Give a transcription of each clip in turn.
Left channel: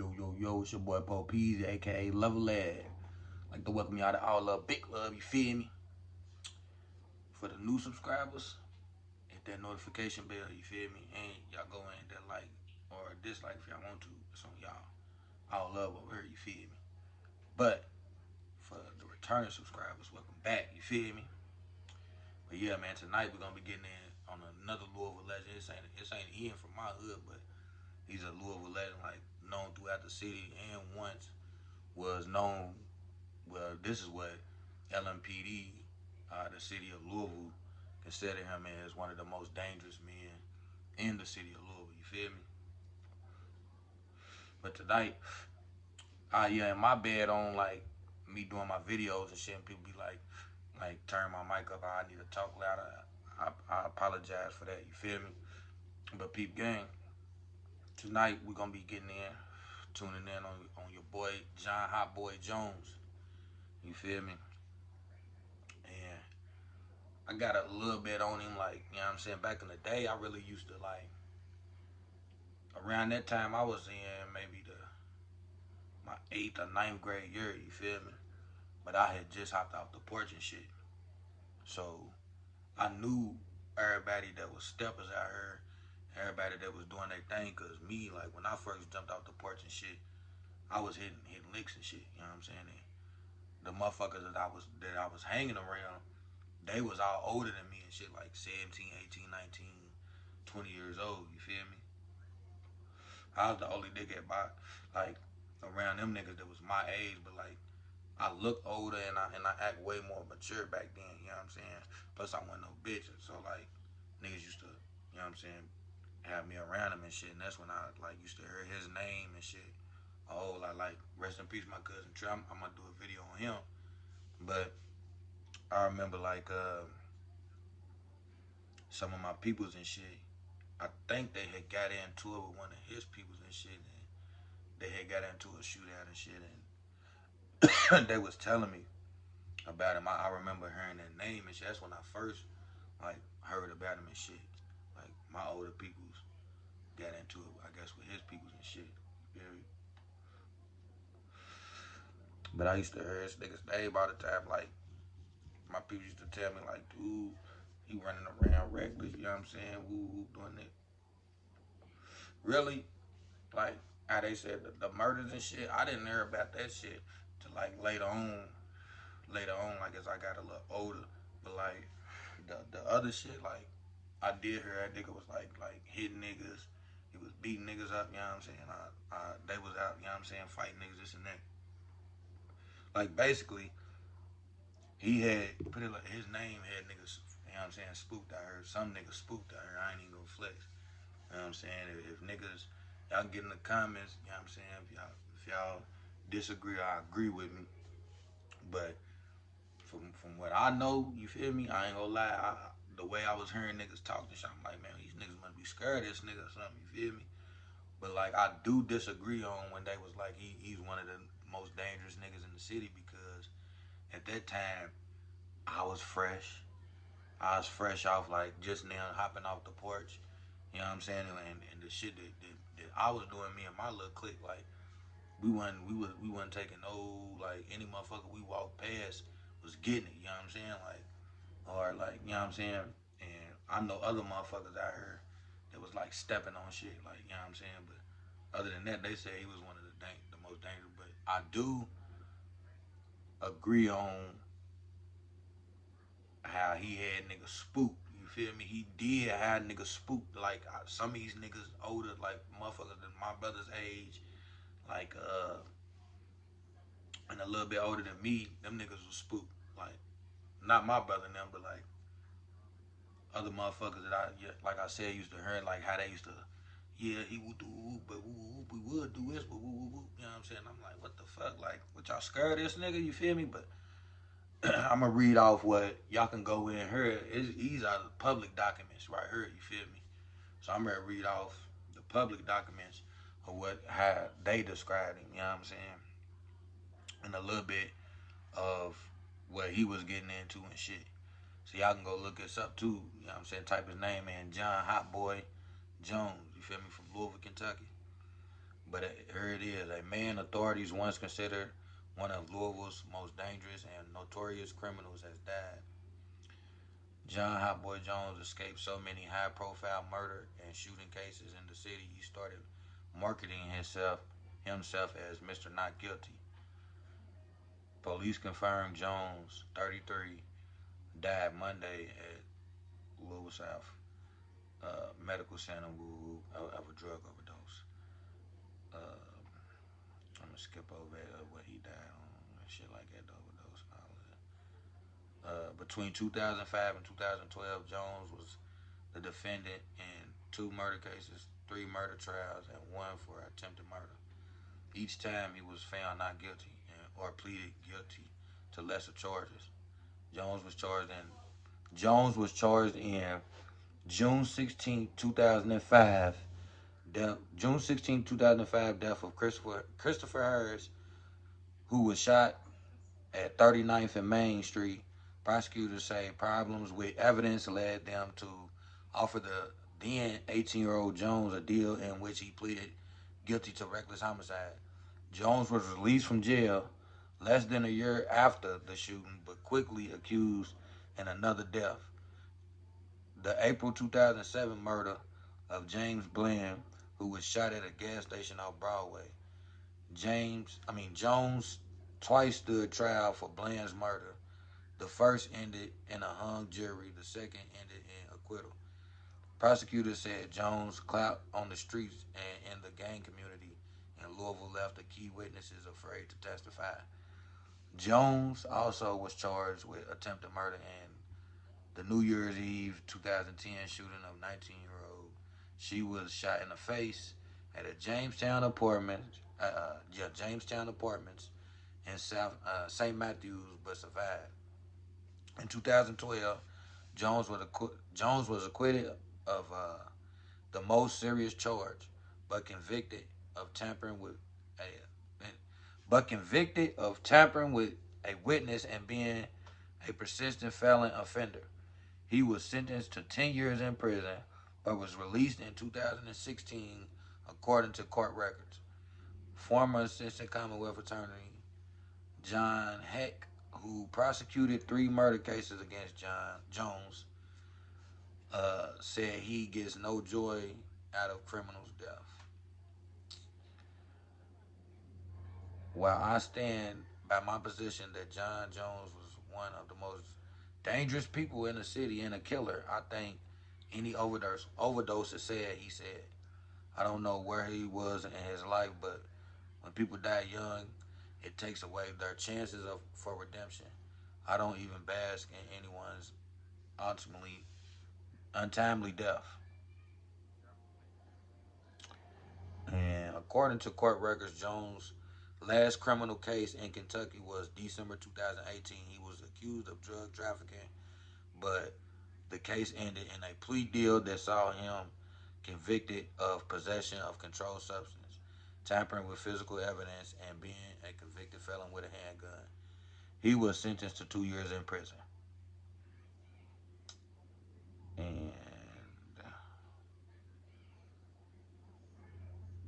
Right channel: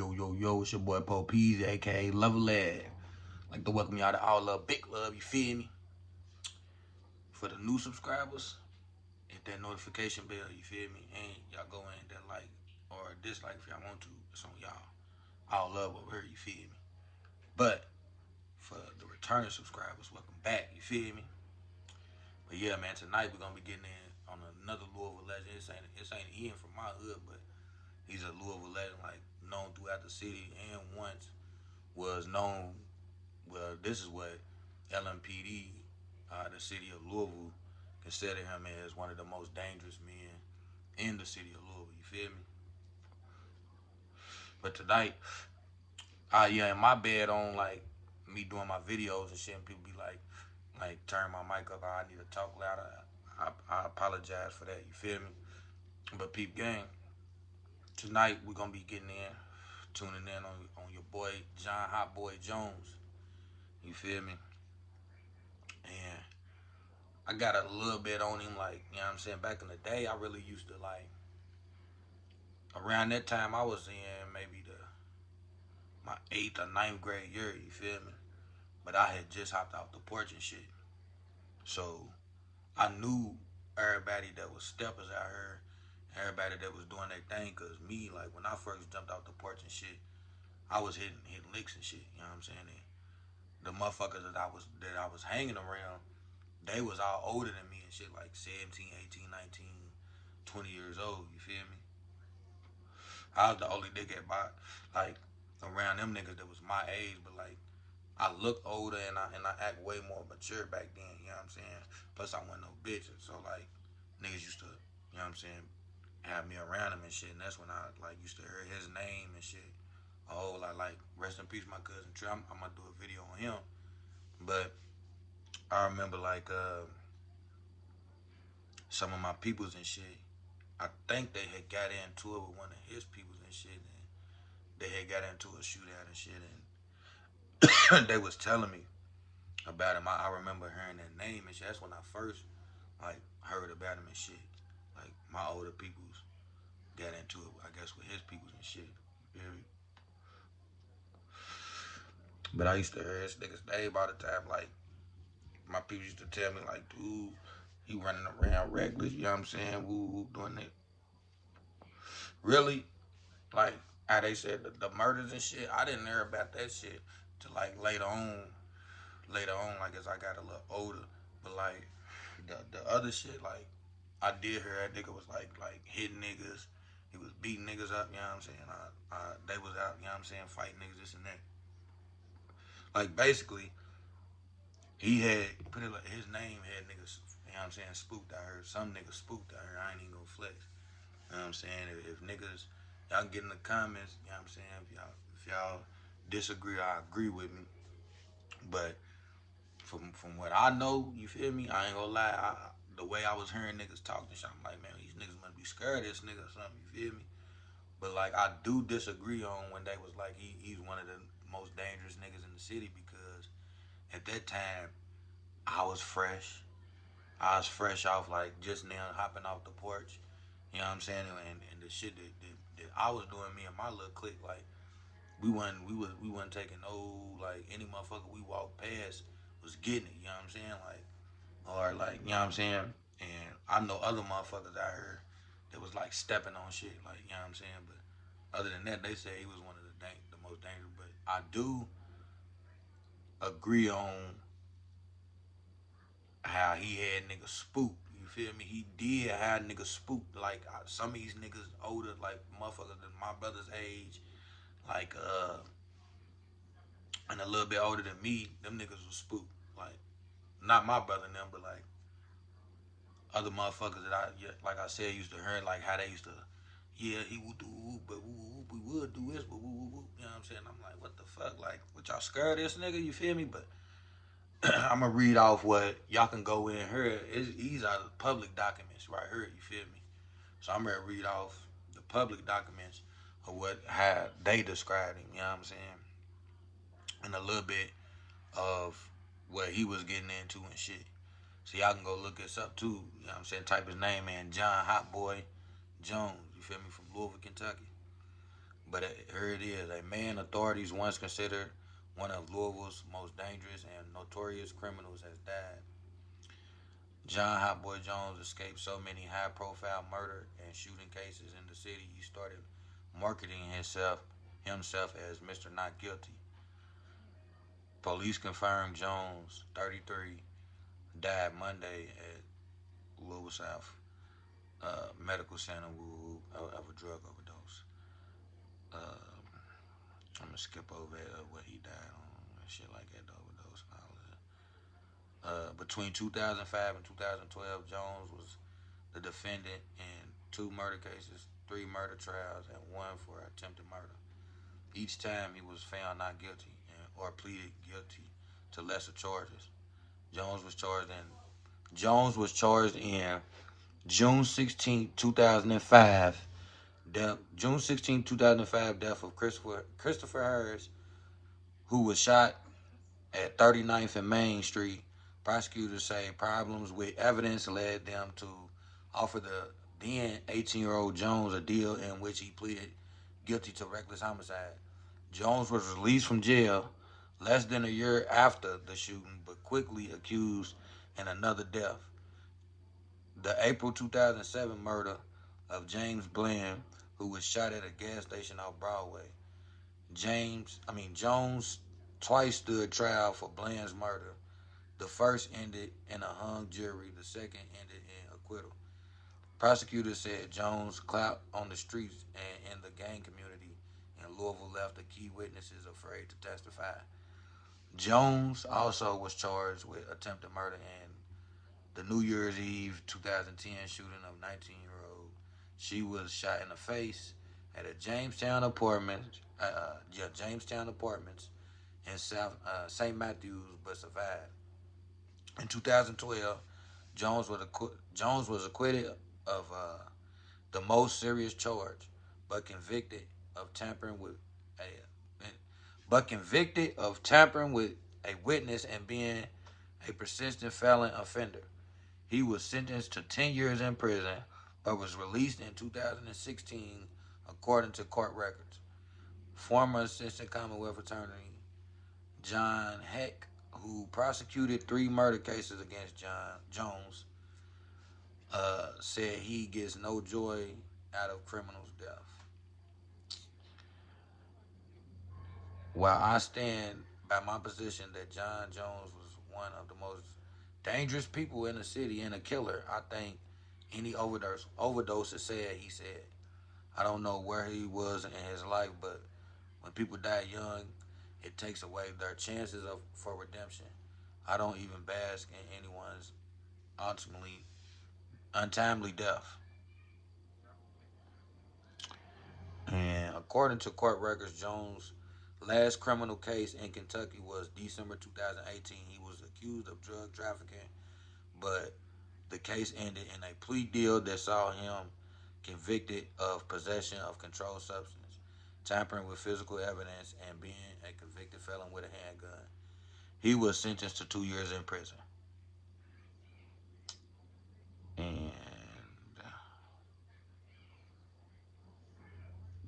Yo, it's your boy Po Peasy, aka Level Ed. Like to welcome y'all to All Love, Big Love, you feel me? For the new subscribers, hit that notification bell, you feel me? And y'all go in there like or dislike if y'all want to. It's on y'all. All love over here, you feel me? But for the returning subscribers, welcome back, you feel me? But yeah, man, tonight we're gonna be getting in on another Louisville legend. This ain't Ian from my hood, but he's a Louisville legend, like known throughout the city and once was known. Well, this is what LMPD, the city of Louisville, consider him as one of the most dangerous men in the city of Louisville. You feel me? But tonight, yeah, in my bed on like me doing my videos and shit, and people be like turn my mic up. I need to talk louder. I apologize for that. You feel me? But peep gang, tonight we're gonna be getting in, tuning in on your boy John Hot Boy Jones. You feel me? And I got a little bit on him, like, you know what I'm saying? Back in the day, I really used to, like, around that time, I was in maybe my 8th or ninth grade year, you feel me? But I had just hopped out the porch and shit. So I knew everybody that was steppers out here, everybody that was doing their thing, because me, like, when I first jumped out the porch and shit, I was hitting licks and shit, you know what I'm saying? And the motherfuckers that I was hanging around, they was all older than me and shit, like 17, 18, 19, 20 years old, you feel me? I was the only nigga at my, like, around them niggas that was my age, but like, I look older and I act way more mature back then, you know what I'm saying? Plus, I wasn't no bitch, so like, niggas used to, you know what I'm saying, have me around him and shit, and that's when I, like, used to hear his name and shit. A whole lot, like, rest in peace, my cousin Trey. I'm gonna do a video on him, but I remember, like, some of my peoples and shit, I think they had got into it with one of his peoples and shit, and they had got into a shootout and shit, and they was telling me about him. I remember hearing that name and shit. That's when I first, like, heard about him and shit. Like, my older peoples got into it, I guess, with his peoples and shit. You feel me? But I used to hear his niggas name all the time. Like, my people used to tell me, like, dude, he running around reckless, you know what I'm saying? Woo, doing that. Really, like, how they said the murders and shit, I didn't hear about that shit till, like, later on, like, as I got a little older. But, like, the other shit, like, I did hear that nigga was, like hitting niggas. He was beating niggas up, you know what I'm saying? They was out, you know what I'm saying, fighting niggas, this and that. Like, basically, he had, put it like, his name had niggas, you know what I'm saying, spooked. I heard some niggas spooked. I heard. I ain't even gonna flex. You know what I'm saying? If niggas, y'all get in the comments, you know what I'm saying, if y'all disagree or agree with me. But from what I know, you feel me? I ain't gonna lie. The way I was hearing niggas talk and shit, I'm like, man, these niggas must be scared of this nigga or something. You feel me? But like, I do disagree on when they was like, he's one of the most dangerous niggas in the city, because at that time I was fresh. I was fresh off, like, just now hopping off the porch. You know what I'm saying? And the shit that I was doing, me and my little clique, like, we wasn't taking no, like, any motherfucker we walked past was getting it, you know what I'm saying? Like, or like, you know what I'm saying? And I know other motherfuckers out here that was like stepping on shit, like, you know what I'm saying? But other than that, they say he was one of the most dangerous. But I do agree on how he had niggas spooked. You feel me? He did have niggas spooked. Like, some of these niggas older, like motherfuckers than my brother's age, like, and a little bit older than me, them niggas was spooked. Like, not my brother and them, but like other motherfuckers that like I said, used to hear, like, how they used to, yeah, he would do, but we would do this, but you know what I'm saying? I'm like, what the fuck? Like, what, y'all scared of this nigga? You feel me? But I'm gonna read off what y'all can go in here. These are the public documents right here. You feel me? So I'm gonna read off the public documents of how they described him. You know what I'm saying? And a little bit of what he was getting into and shit. So y'all can go look this up too. You know what I'm saying? Type his name in, John Hot Boy Jones. You feel me? From Louisville, Kentucky. But here it is. A man authorities once considered one of Louisville's most dangerous and notorious criminals has died. John Hotboy Jones escaped so many high-profile murder and shooting cases in the city, he started marketing himself as Mr. Not Guilty. Police confirmed Jones, 33, died Monday at Louisville South Medical Center of a drug overdose. I'm gonna skip over what he died on and shit like that, the overdose and all of that. Between 2005 and 2012, Jones was the defendant in two murder cases, three murder trials, and one for attempted murder. Each time he was found not guilty or pleaded guilty to lesser charges. Jones was charged in Jones was charged in June 16, 2005. June 16, 2005, death of Christopher Harris, who was shot at 39th and Main Street. Prosecutors say problems with evidence led them to offer the then 18-year-old Jones a deal in which he pleaded guilty to reckless homicide. Jones was released from jail less than a year after the shooting, but quickly accused in another death, the April 2007 murder of James Bland, who was shot at a gas station off Broadway. Jones twice stood trial for Bland's murder. The first ended in a hung jury. The second ended in acquittal. Prosecutors said Jones' clout on the streets and in the gang community in Louisville left the key witnesses afraid to testify. Jones also was charged with attempted murder in the New Year's Eve 2010 shooting of 19-year-old. She was shot in the face at a Jamestown Apartments in South St. Matthews, but survived. In 2012, Jones was acquitted of the most serious charge, but convicted of tampering with a a witness and being a persistent felon offender. He was sentenced to 10 years in prison, but was released in 2016, according to court records. Former Assistant Commonwealth Attorney John Heck, who prosecuted three murder cases against Jones, said he gets no joy out of criminals' death. While I stand by my position that John Jones was one of the most dangerous people in the city and a killer, I think any overdose is sad, he said. I don't know where he was in his life, but when people die young, it takes away their chances for redemption. I don't even bask in anyone's ultimately untimely death. And according to court records, Jones' last criminal case in Kentucky was December 2018. He was accused of drug trafficking, but the case ended in a plea deal that saw him convicted of possession of controlled substance, tampering with physical evidence, and being a convicted felon with a handgun. He was sentenced to 2 years in prison. And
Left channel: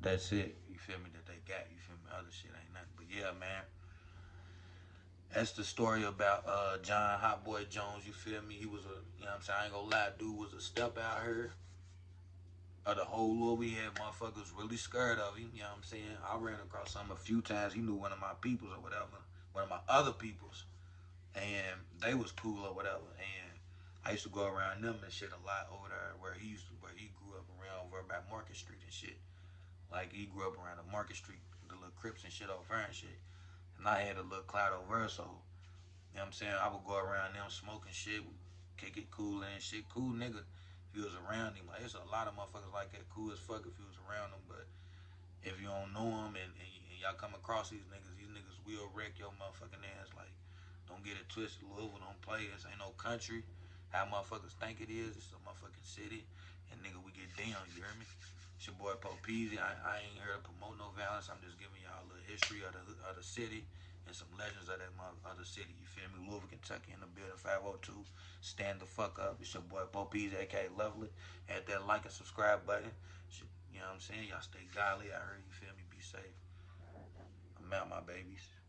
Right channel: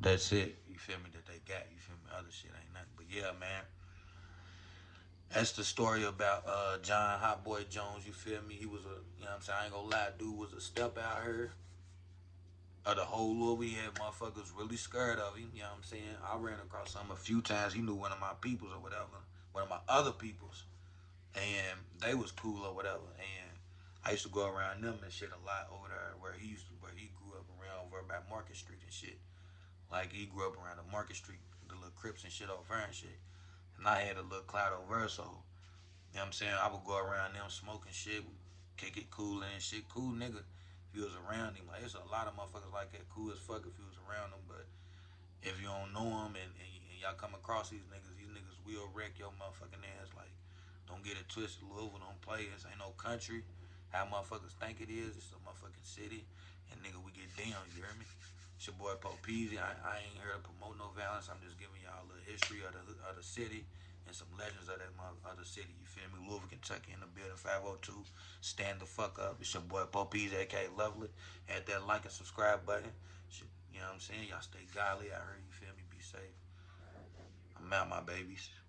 that's it. You feel me? That they got. You feel me? Other shit ain't nothing. But yeah, man. That's the story about John Hotboy Jones. You feel me? He was a, you know what I'm saying? I ain't gonna lie, dude was a step out here of the whole world. We had motherfuckers really scared of him. You know what I'm saying? I ran across him a few times. He knew one of my peoples or whatever, one of my other peoples, and they was cool or whatever. And I used to go around them and shit a lot over there where he grew up around over by Market Street and shit. Like he grew up around the Market Street, the little Crips and shit over there and shit. And I had a little clout over there, so you know what I'm saying? I would go around them smoking shit, kick it cool and shit. Cool nigga if you was around him. Like, it's a lot of motherfuckers like that. Cool as fuck if you was around them. But if you don't know them and y'all come across these niggas will wreck your motherfucking ass. Like, don't get it twisted. Louisville don't play. This ain't no country. How motherfuckers think it is. It's a motherfucking city. And nigga, we get down. You hear me? It's your boy Pope Peasy. I ain't here to promote no violence. I'm just giving y'all a little history of the city and some legends of that other city. You feel me? Louisville, Kentucky in the building 502. Stand the fuck up. It's your boy Pope Peasy, aka Lovely. Hit that like and subscribe button. You know what I'm saying? Y'all stay godly out here. You feel me? Be I'm out, my babies.